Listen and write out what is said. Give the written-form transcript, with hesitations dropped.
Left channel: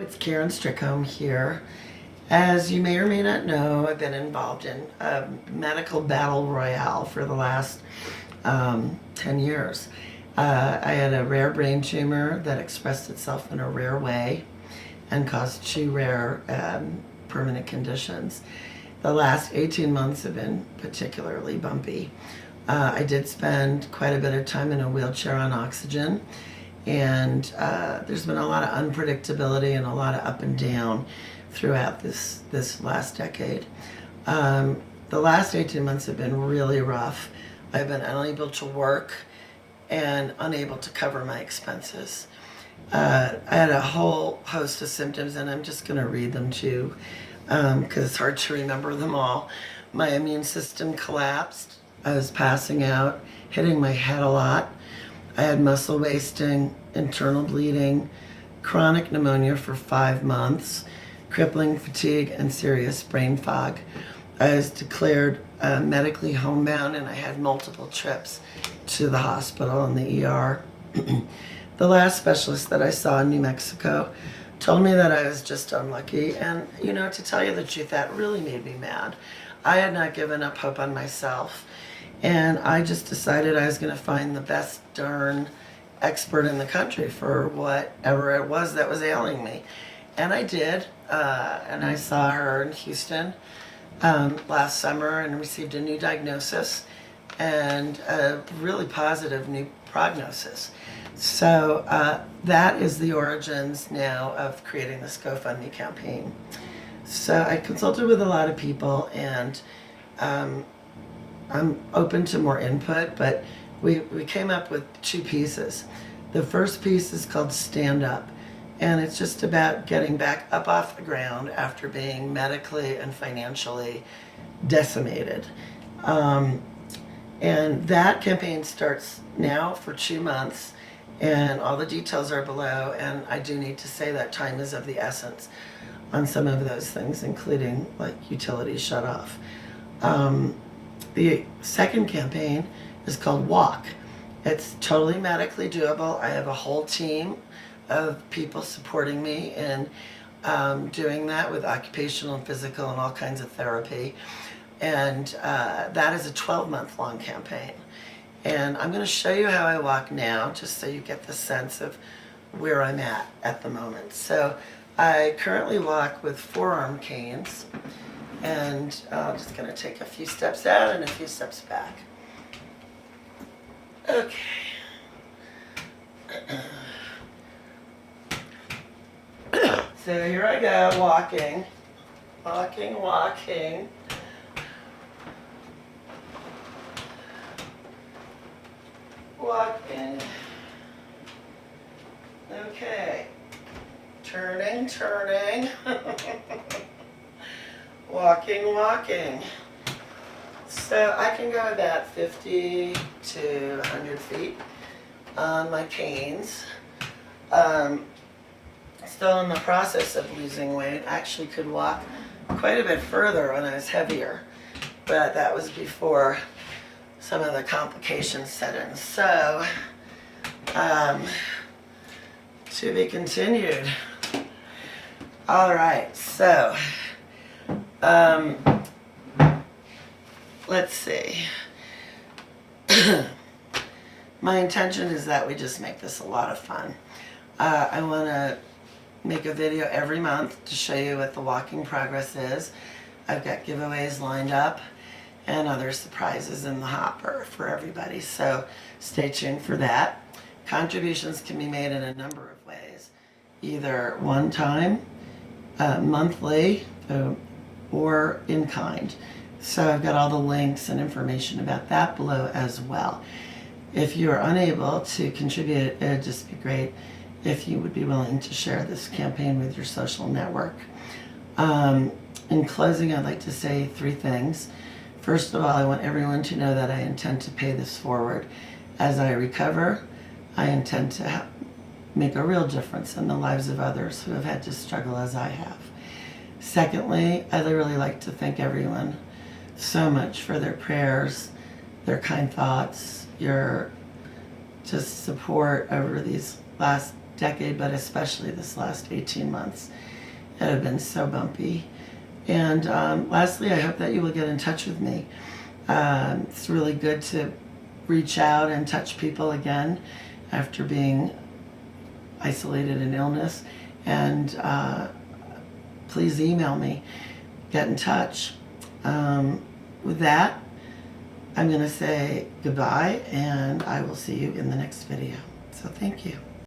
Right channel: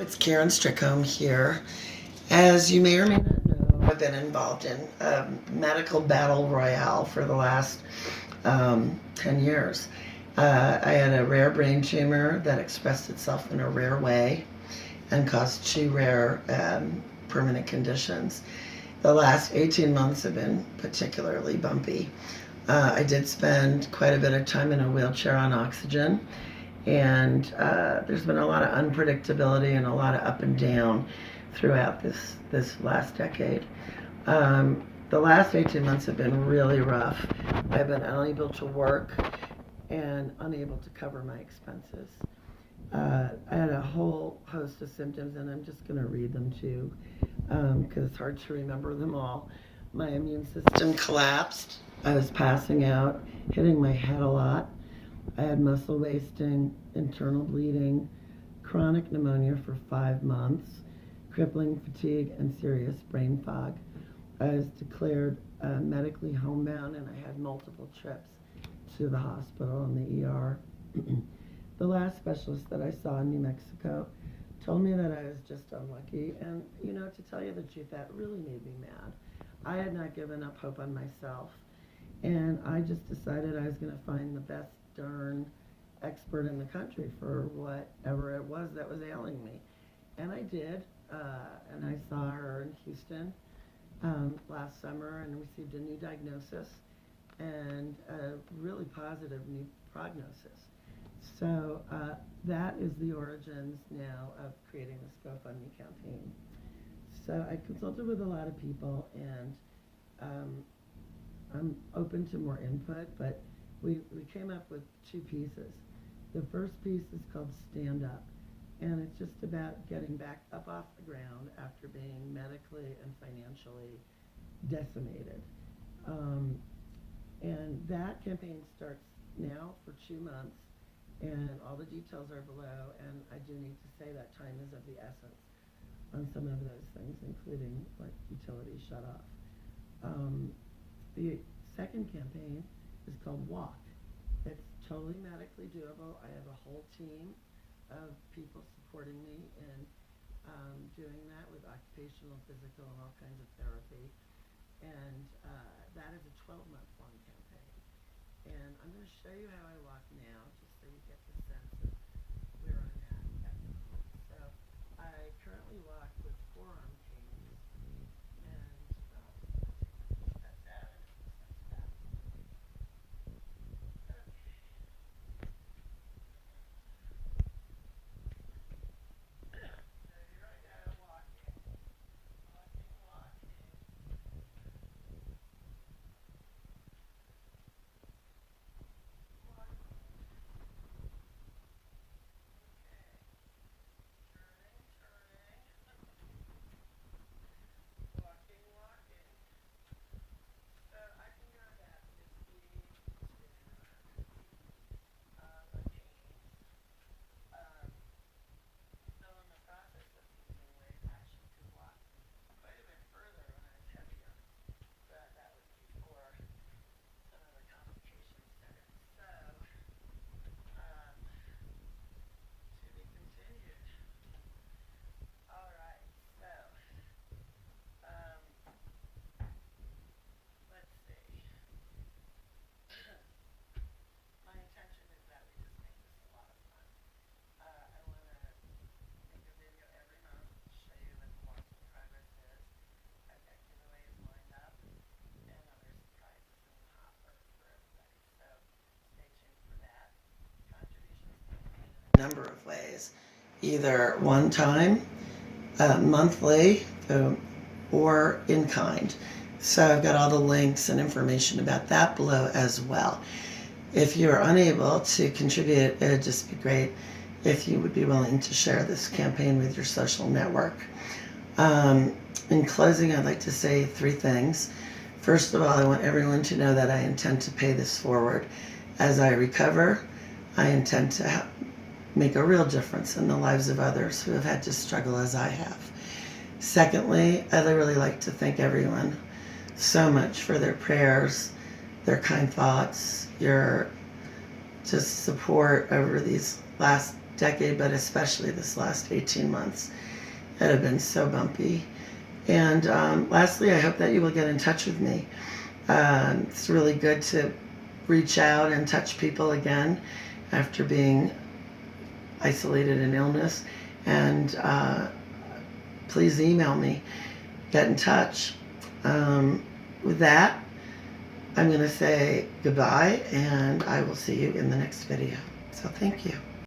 It's Karen Strickholm here. As you may or may not know, I've been involved in a medical battle royale for the last 10 years. I had a rare brain tumor that expressed itself in a rare way and caused two rare permanent conditions. The last 18 months have been particularly bumpy. I did spend quite a bit of time in a wheelchair on oxygen, and there's been a lot of unpredictability and a lot of up and down throughout this last decade. The last 18 months have been really rough. I've been unable to work and unable to cover my expenses. I had a whole host of symptoms, and I'm just going to read them to you because it's hard to remember them all. My immune system collapsed. I was passing out, hitting my head a lot. I had muscle wasting, internal bleeding, chronic pneumonia for 5 months, crippling fatigue, and serious brain fog. I was declared medically homebound, and I had multiple trips to the hospital and the ER. The last specialist that I saw in New Mexico told me that I was just unlucky, and to tell you the truth, that really made me mad. I had not given up hope on myself, and I just decided I was going to find the best darn expert in the country for whatever it was that was ailing me. And I did, and I saw her in Houston last summer and received a new diagnosis and a really positive new prognosis. So that is the origins now of creating this GoFundMe campaign. So I consulted with a lot of people, and I'm open to more input, but we came up with 2 pieces. The first piece is called Stand Up, and it's just about getting back up off the ground after being medically and financially decimated. And that campaign starts now for 2 months, and all the details are below, and I do need to say that time is of the essence on some of those things, including like utilities shut off. The second campaign is called Walk. It's totally medically doable. I have a whole team of people supporting me in doing that with occupational and physical and all kinds of therapy. And that is a 12-month long campaign. And I'm going to show you how I walk now, just so you get the sense of where I'm at the moment. So I currently walk with forearm canes, and I'm just going to take a few steps out and a few steps back. Okay. So here I go, walking. Walking. Okay. Turning. Walking. So I can go about 50 to 100 feet on my canes. Still in the process of losing weight. Actually could walk quite a bit further when I was heavier, but that was before some of the complications set in. So, to be continued. All right, so let's see. My intention is that we just make this a lot of fun. I want to make a video every month to show you what the walking progress is. I've got giveaways lined up and other surprises in the hopper for everybody, so stay tuned for that. Contributions can be made in a number of ways, either one time, monthly, or in kind. So I've got all the links and information about that below as well. If you are unable to contribute, it'd just be great if you would be willing to share this campaign with your social network. In closing, I'd like to say 3 things. First of all, I want everyone to know that I intend to pay this forward. As I recover, I intend to make a real difference in the lives of others who have had to struggle as I have. Secondly, I'd really like to thank everyone so much for their prayers, their kind thoughts, your just support over these last decade, but especially this last 18 months that have been so bumpy. And lastly, I hope that you will get in touch with me. It's really good to reach out and touch people again after being isolated in illness. And please email me, get in touch. With that, I'm going to say goodbye, and I will see you in the next video. So thank you.